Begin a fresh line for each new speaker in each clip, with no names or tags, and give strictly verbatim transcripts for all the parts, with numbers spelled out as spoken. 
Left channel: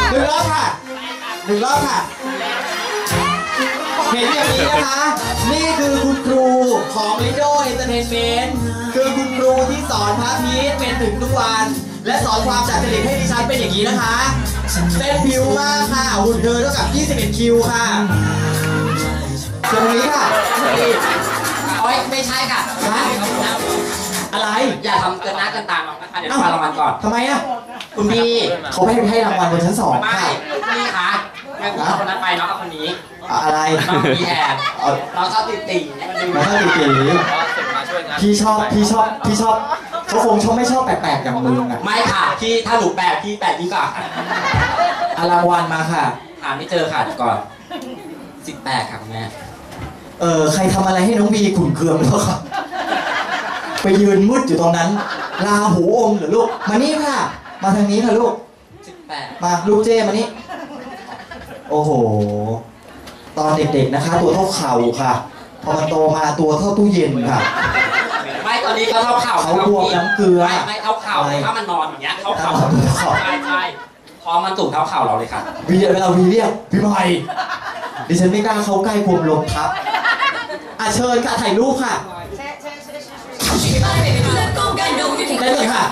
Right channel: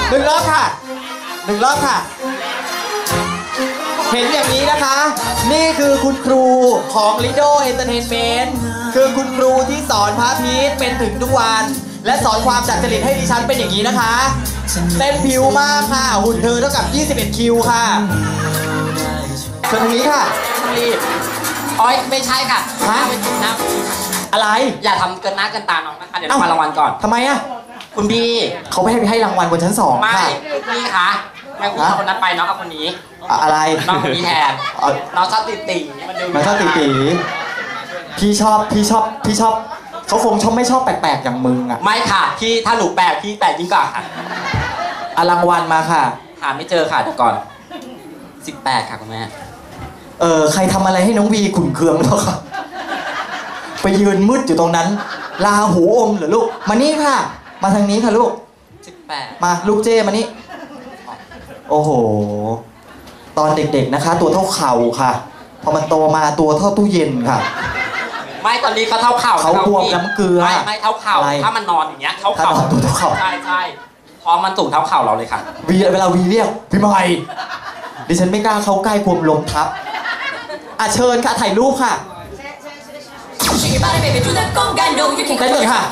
หนึ่งรอบค่ะหนึ่งรอบค่ะเห็นอย่างนี้นะคะนี่คือคุณครูของ Lido Entertainment คือคุณครูที่สอนพระพีชเป็นถึงทุกวันและสอนความจัดจริตให้ดิฉันเป็นอย่างนี้นะคะเต้นผิวมากค่ะหุ่นเธอเท่ากับยี่สิบเอ็ดคิวค่ะตรงนี้ค่ะ
อ๋อไม่ใช่ค่ะ
ฮะอะไร
อย่าทำเกินหน้าเกินตาน้องนะคะเดี๋ยวมารางวัลก่อน
ทำไมอ่ะ
คุณพี่
เขาไม่ให้ให้รางวัลบนชั้นสอง
ไม่พี่คะแม่คุณคนนั้นไปน้องกับคนนี้
อะไร
น้องพี่แทนน้องชอบตีตี
มันชอบตีตีพี่ชอบพี่ชอบพี่ชอบเขาคงชอบไม่ชอบแปลกๆอย่างมึงอ่ะ
ไม่ค่ะพี่ถ้าหนูแปลกพี่แปลกยิ่งกว่า
ค่ะรางวัลมาค่ะ
หาไม่เจอค่ะก่อนสิบแปดค่ะคุณแม่
เออใครทำอะไรให้น้องวีขุ่นเคืองแล้วครับไปยืนมืดอยู่ตรงนั้นลาหูอมเหรอลูกมานี่ค่ะมาทางนี้ค่ะลูก
สิบแปด
มาลูกเจ้มานี่โอ้โหตอนเด็กๆนะคะตัวเท่าเข่าค่ะพอมันโตมาตัวเท่าตู้เย็นค่ะ
ไม่ตอนนี้เขาเท่าเข่า
เขาบวมน้ำเกลือ
ไม่ไม่เท่าเข่าถ้ามันนอนอย่างเงี้ยเท่าเข่าใช่ใช่พอมันสูงเท่าเข่าเราเลยค่ะ
วีเวลาวีเรียกพี่ใหม่ดิฉันไม่กล้าเข้าใกล้กลัวลมทับอ่ะเชิญค่ะถ่ายรูปค่ะได้เลยค่ะ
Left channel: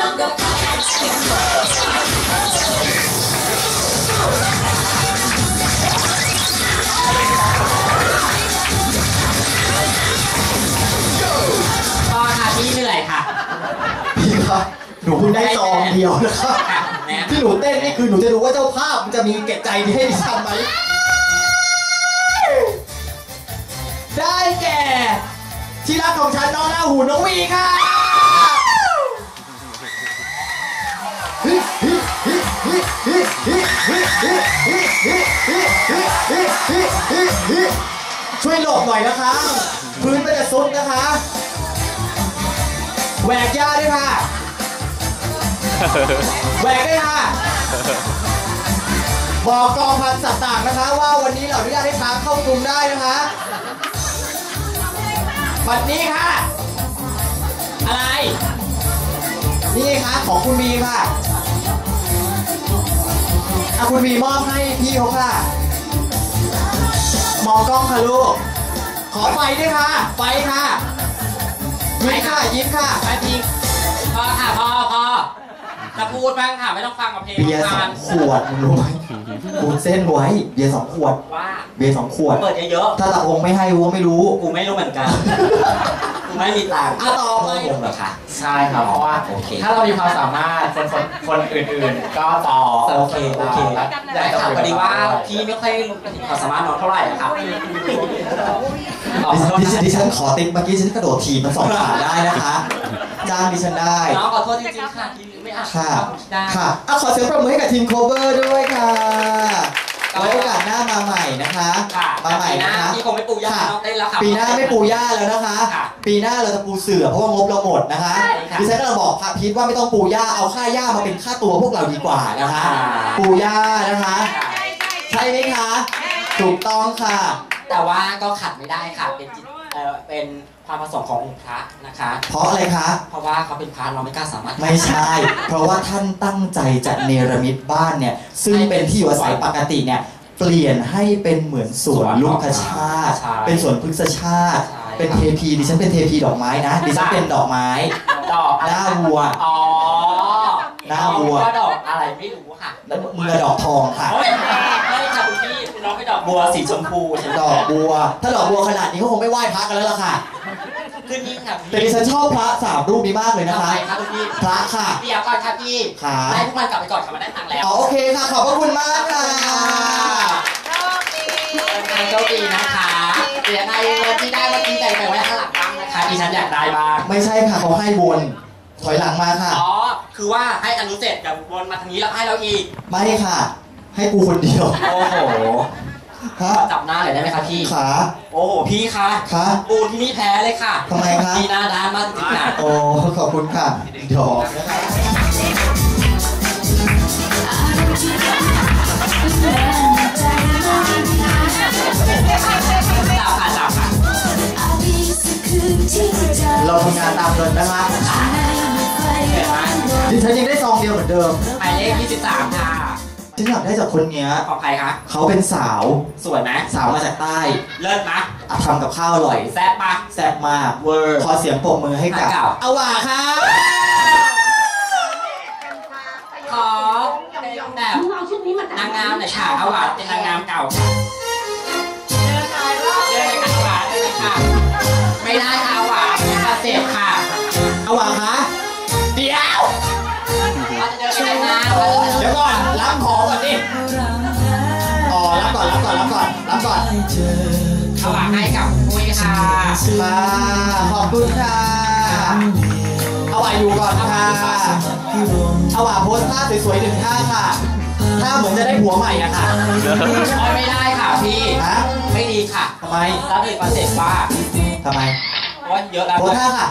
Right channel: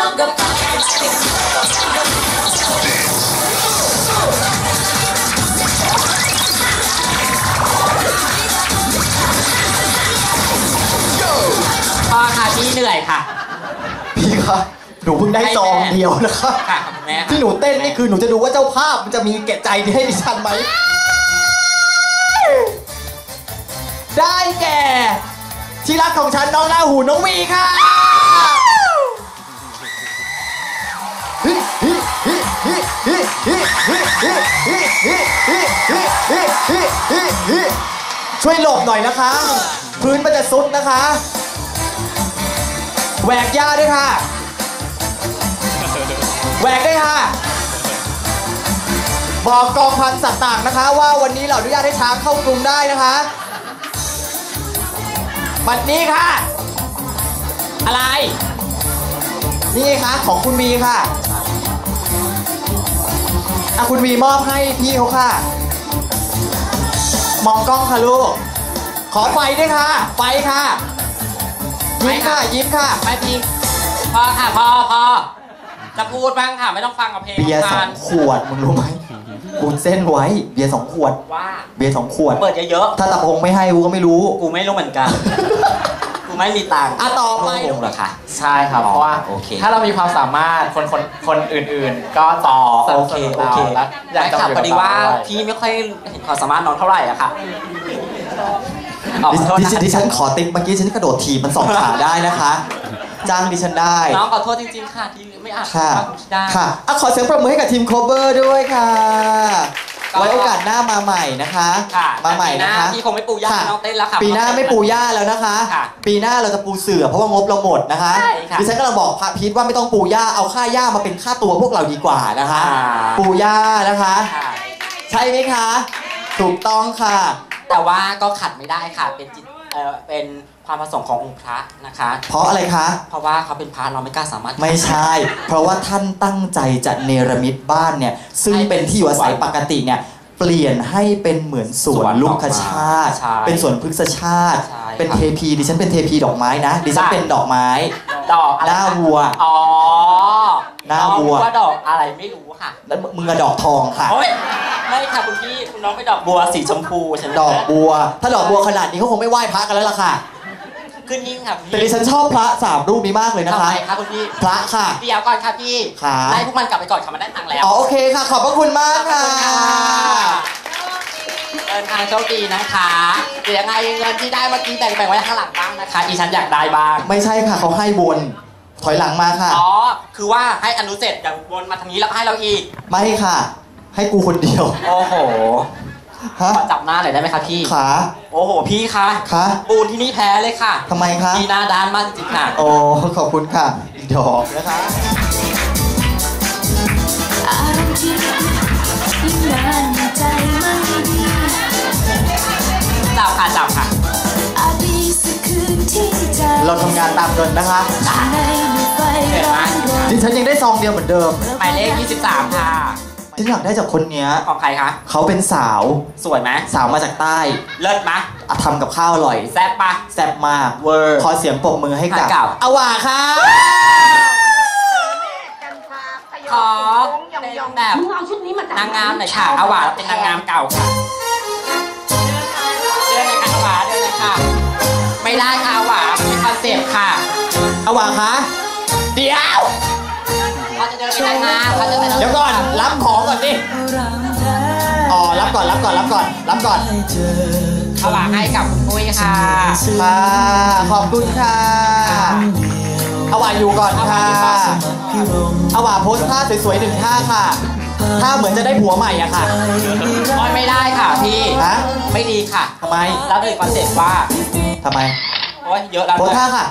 พอค่ะพี่เหนื่อยค่ะ
พี่คะหนูเพิ่งได้ซองเดียวนะคะที่หนูเต้นนี่คือหนูจะดูว่าเจ้าภาพมันจะมีแก่ใจให้ดิฉันไหมได้แก่ที่รักของฉันน้องลาหูน้องวีค่ะช่วยหลบหน่อยนะคะพื้นมันจะซุดนะคะแหวกหญ้าด้วยค่ะแหวกด้วยค่ะบอกกองพันสัตว์ต่างนะคะว่าวันนี้เราอนุญาตให้ช้างเข้ากลุ่มได้นะคะบัดนี้ค่ะอะไรนี่ค่ะของคุณวีค่ะอ่ะคุณวีมอบให้พี่เขาค่ะมองกล้องค่ะลูกขอไฟด้วยค่ะไฟค่ะยิ้มค่ะยิ้มค่ะ
ไปพีพอค่ะพอพอจะพูดบ้างค่ะไม่ต้องฟังกับเพลง
เบียร์สองขวดมึงรู้ไหมกูเส้นไว้เบียร์สองขวด
ว่า
เบียร์สองขวด
เปิดเยอะ
ๆถ้าตะองไม่ให้กูก็ไม่รู้
กูไม่รู้เหมือนกันกูไม่มีตังค์
อ่ะต่อไป
องเหรอคะ
ใช่ครับเพราะว่าถ้าเรามีความสามารถคนคนคนอื่นๆก็ต่อ
โอเคโอเคอยากถามพอดีว่าพี่ไม่ค่อยเห็นความสามารถน้องเท่าไหร่อะค่ะ
ดิฉันขอติ๊กเมื่อกี้ฉันกระโดดถีบมันสองขาได้นะคะจ้างดิฉันได้
น้องขอโทษจริงๆค่ะที่ไม่อ่าน
ค่ะค่ะอ่ะขอเสียงปรบมือให้กับทีมโคเวอร์ด้วยค่ะไว้โอกาสหน้ามาใหม่นะคะมาใหม่นะคะ
พี่คงไม่ปูย่าน้องเต้นแล้วค่ะ
ปีหน้าไม่ปูย่าแล้วนะคะปีหน้าเราจะปูเสื่อเพราะว่างบเราหมดนะคะดิฉันก็เราบอกพระพีทว่าไม่ต้องปูย่าเอาค่าย่ามาเป็นค่าตัวพวกเราดีกว่านะคะปูย่านะคะใช่ไหมคะถูกต้องค่ะ
แต่ว่าก็ขัดไม่ได้ค่ะเป็นจิตเอ่อเป็นความประสงค์ขององค์พระนะคะ
เพราะอะไรคะ
เพราะว่าเขาเป็นพระเราไม่กล้าสามารถ
ไม่ใช่เพราะว่าท่านตั้งใจจะเนรมิตบ้านเนี่ยซึ่งเป็นที่อยู่อาศัยปกติเนี่ยเปลี่ยนให้เป็นเหมือนสวนลูกคชาติเป็นสวนพฤกษชาติเป็นเทพีดิฉันเป็นเทพีดอกไม้นะดิฉันเป็นดอกไม้
ดอก
หน้าวัว
อ๋อ
หน้าวัว
ดอกอะไรไม่รู้ค่ะ
แล้วมือดอกทองค่ะ
ไม่ค่ะคุณพี่คุณน้องไม่ดอกบัวสีชมพูฉัน
ดอกบัวถ้าดอกบัวขนาดนี้เขาคงไม่ไหว้พระกันแล้วล่ะค่ะ
ขึ้นนิ่งค่ะ
แต่ดิฉันชอบพระสามรูปนี้มากเลยนะคะ
ครับคุณพี่
พระค่ะ
เดี๋ยวก่อนค่ะพี่ให้พวกมันกลับไปก่อนค่ะมันได้ตังค์แล้ว
อ๋อโอเคค่ะขอบพระคุณมากค่ะ
เดินทางโชคดีนะคะเดี๋ยวไงเงินที่ได้เมื่อกี้แบ่งไปไว้ข้างหลังบ้างนะคะดิฉันอยากได้บ้าง
ไม่ใช่ค่ะเขาให้บนถอยหลังมาค่ะ
อ๋อคือว่าให้อนุเสร็จกับวนมาทางนี้แล้วให้เราอีก
ไม่ค่ะให้กูคนเดียว
โอ้โหจับหน้าหน่อยได้ไหมคะพี่
ขา
โอ้โหพี่คะ
ขา
ปูนที่นี่แพ้เลยค่ะ
ทำไมคะ
พี่หน้าด้านมากจริงๆนะ
โอ้ขอบคุณค่ะดอกนะคะ
จับค่ะจับค่ะ
เราทำงานตามเงินนะคะดิฉันยังได้ซองเดียวเหมือนเดิม
หมายเลขยี่สิบสามค่ะ
ฉันอยากได้จากคนเนี้ย
ของใครคะ
เขาเป็นสาว
สวยไหม
สาวมาจากใต้
เลิศไหม
อ่ะทำกับข้าวอร่อย
แซ่บปะ
แซ่บมาก
เวอร์
ขอเสียงปรบมือให้กับ
ให้กับ
อวาค่ะ
ขอเป็นแบบนางงามหน่อยค่ะอาหวานเป็นนางงามเก่าค่ะเดินเลยค่ะอาหวานเดินเลยค่ะไม่ได้ค่ะอาหวานเป็นคอนเซ็ปต์ค่ะ
อวาคะเดี๋ยว
เราจะเดินไปไหนนะเราจะเดิน
เดี๋ยวก่อนรับของก่อนดิอ๋อรับก่อนรับก่อนรับก่อนรับก่อน
อาหวานให้กับคุณปุ้ยค่ะ
ค่ะขอบคุณค่ะอวาอยู่ก่อนค่ะอวาโพสท่าสวยๆหนึ่งท่าค่ะท่าเหมือนจะได้ผัวใหม่อะค่ะ
ไม่ได้ค่ะพี่
ฮะ
ไม่ดีค่ะ
ทำไม
เราเลยคอนเซ็ปต์ว่า
ทำไม
โอ้ยเยอะแล้ว
โพสท่าค่ะ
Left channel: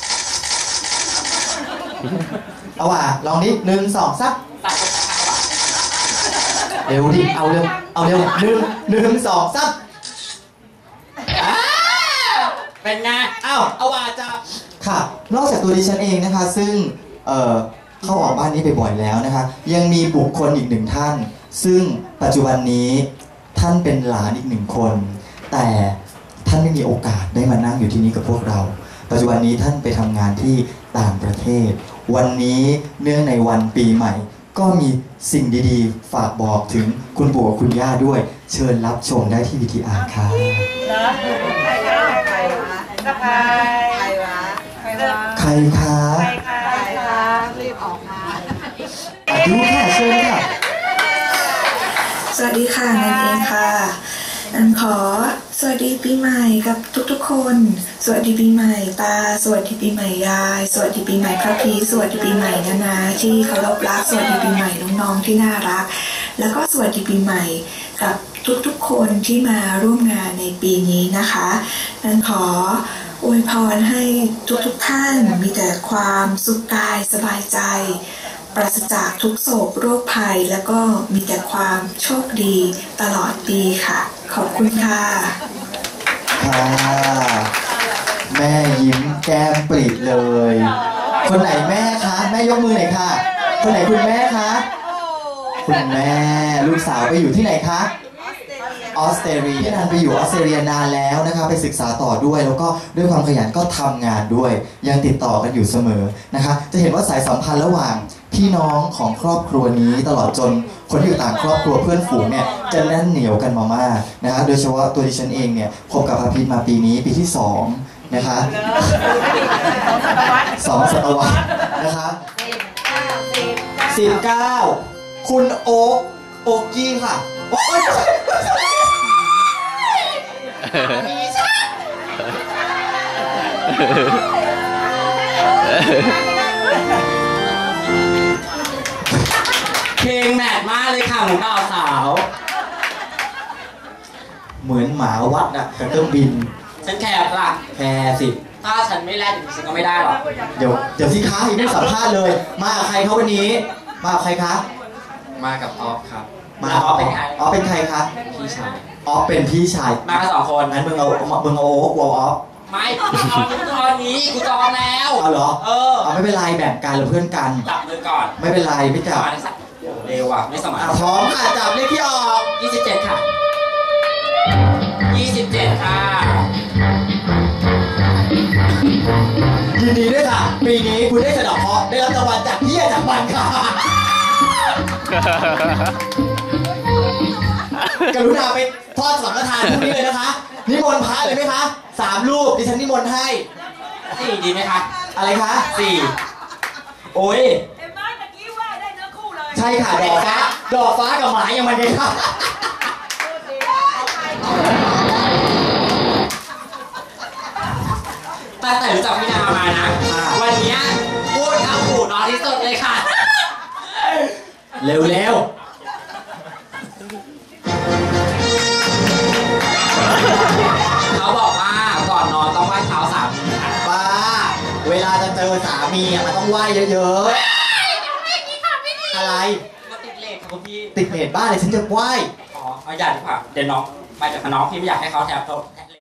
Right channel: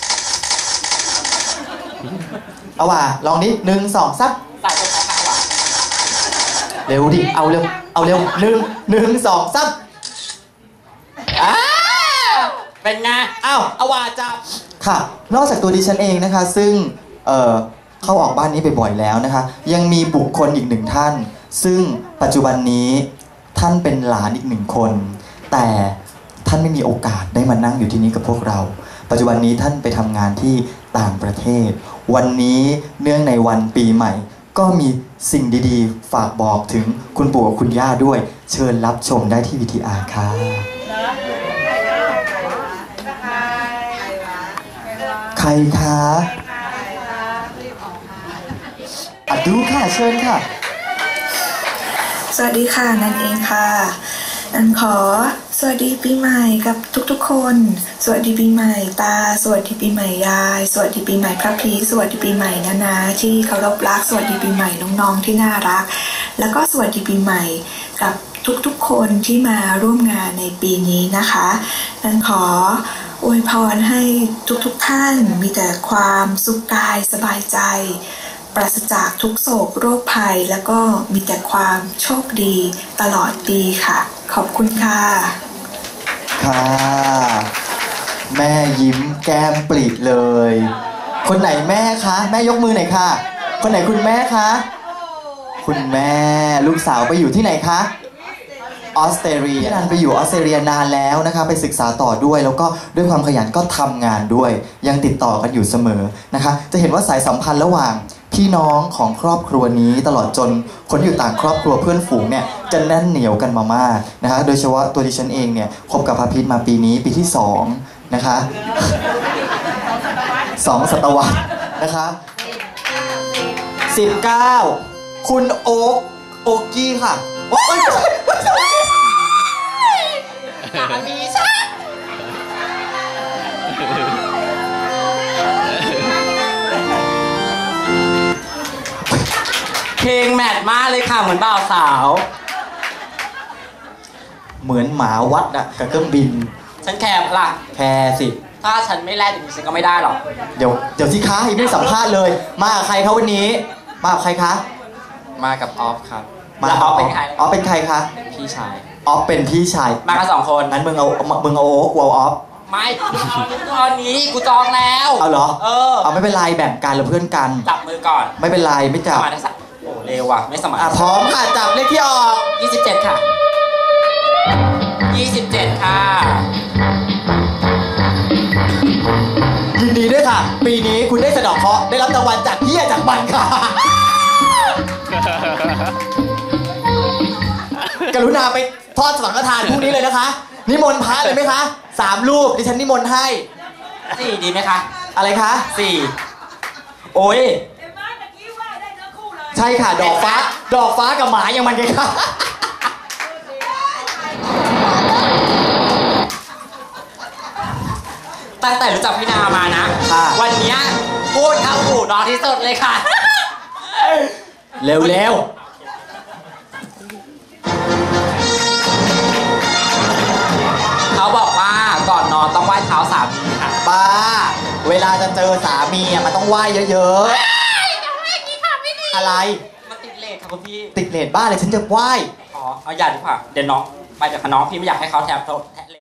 อวาลองนี้หนึ่งสองสัก
ตัดตรงไหนค่ะอาหวาน
เร็วดิเอาเร็วเอาเร็วหนึ่งหนึ่งสองสักอ้า
เป็นไง
อ้าวอวาจับค่ะ นอกจากตัวดิฉันเองนะคะ ซึ่งเอ่อเข้าออกบ้านนี้บ่อยๆแล้วนะคะ ยังมีบุคคลอีกหนึ่งท่าน ซึ่งปัจจุบันนี้ท่านเป็นหลานอีกหนึ่งคน แต่ท่านไม่มีโอกาสได้มานั่งอยู่ที่นี้กับพวกเรา ปัจจุบันนี้ท่านไปทำงานที่ต่างประเทศ วันนี้เนื่องในวันปีใหม่ ก็มีสิ่งดีๆ ฝากบอกถึงคุณปู่กับคุณย่าด้วย เชิญรับชมได้ที่ วี ที อาร์ ค่ะใครคะอ่ะดูค่ะเชิญค่ะ
สวัสดีค่ะนันเองค่ะนันขอสวัสดีปีใหม่กับทุกๆคน สวัสดีปีใหม่ตา สวัสดีปีใหม่ยาย สวัสดีปีใหม่พระพีสวัสดีปีใหม่นานาที่เคารพรัก สวัสดีปีใหม่น้องๆที่น่ารัก แล้วก็สวัสดีปีใหม่กับทุกๆคนที่มาร่วมงานในปีนี้นะคะนันขออวยพรให้ทุกๆท่านมีแต่ความสุขกายสบายใจปราศจากทุกโศกโรคภัยแล้วก็มีแต่ความโชคดีตลอดปีค่ะ ขอบคุณค่ะ
ค่ะ แม่ยิ้มแก้มปริเลย คนไหนแม่คะ แม่ยกมือหน่อยค่ะ คนไหนคุณแม่คะ คุณแม่ลูกสาวไปอยู่ที่ไหนคะออสเตรเลียนันไปอยู่ออสเตรเลียนานแล้วนะคะไปศึกษาต่อด้วยแล้วก็ด้วยความขยันก็ทำงานด้วย ยังติดต่อกันอยู่เสมอนะคะ จะเห็นว่าสายสัมพันธ์ระหว่างพี่น้องของครอบครัวนี้ตลอดจนคนที่อยู่ต่างครอบครัวเพื่อนฝูงเนี่ยจะแน่นเหนียวกันมามากนะคะโดยเฉพาะตัวดิฉันเองเนี่ยคบกับพระพิษมาปีนี้ปีที่สองนะคะสองศตวรรษนะคะสิบเก้าคุณโอ๊กโอ๊กกี้ค่ะโอ๊ย
เพลงแมทมากเลยค่ะเหมือนบ่าวสาว
เหมือนหมาวัดอะกับเครื่องบิน
ฉันแคบล่ะ
แพรสิ
ถ้าฉันไม่แลกฉันก็ไม่ได้หรอก
เดี๋ยวเดี๋ยวสิคะอีกไม่สัมภาษณ์เลย มากับใครเขาวันนี้ มากับใครคะ
มากับออฟครับ
มา
แล้วออฟเป็นใคร
ออฟเป็นใครคะ
พี่ชาย
ออฟเป็นพี่ชาย
มากันสองคน
งั้นมึงเอามึงเอาโอ๊กกูเอาออฟ
ไม่ตอนนี้กูจองแล้ว
เอาเหรอ
เออ
เอาไม่เป็นไรแบ่งกันเราเพื่อนกัน
จับมือก่อน
ไม่เป็นไรไม่จับ
มาได้สักโอ้เร็วว่ะไม่สมัคร
อ่ะพร้อมค่ะจับเลขที่ออก
ยี่สิบเจ็ดค่ะยี่สิบเจ็ดค่ะ
ยินดีด้วยค่ะ ปีนี้คุณได้สะเดาะเคราะห์ได้รับรางวัลจากเฮียจากบันค่ะ กรุณาไปทอดสังฆทานพรุ่งนี้เลยนะคะ นิมนต์พระเลยไหมคะสามรูปดิฉันนิมนต์ให้
สี่ดีไหมคะ
อะไรคะ
สี่
โอ้ย
เห็นไหมตะกี้ว่าได้เนื้อคู่เลย
ใช่ค่ะ ดอกฟ้า ดอกฟ้ากับหมายังมันไงคะ
ตั้งแต่รู้จักพี่นามานะ
ค่ะ
วันเนี้ยพูดเข้าหูน้อยที่สุดเลยค่ะ
เร็วเร็ว
เขาบอกว่าก่อนนอนต้องไหว้เท้าสามทีค่ะ
ป้า เวลาจะเจอสามีอ่ะมันต้องไหว้เยอะๆ อะไร
มาติดเลทค่ะคุณพี่
ติดเลทบ้านเลยฉันจะไหว้
อ๋อเอาอย่าดีกว่าเดี๋ยวน้องไปจากน้องพี่ไม่อยากให้เขาแทบโทษ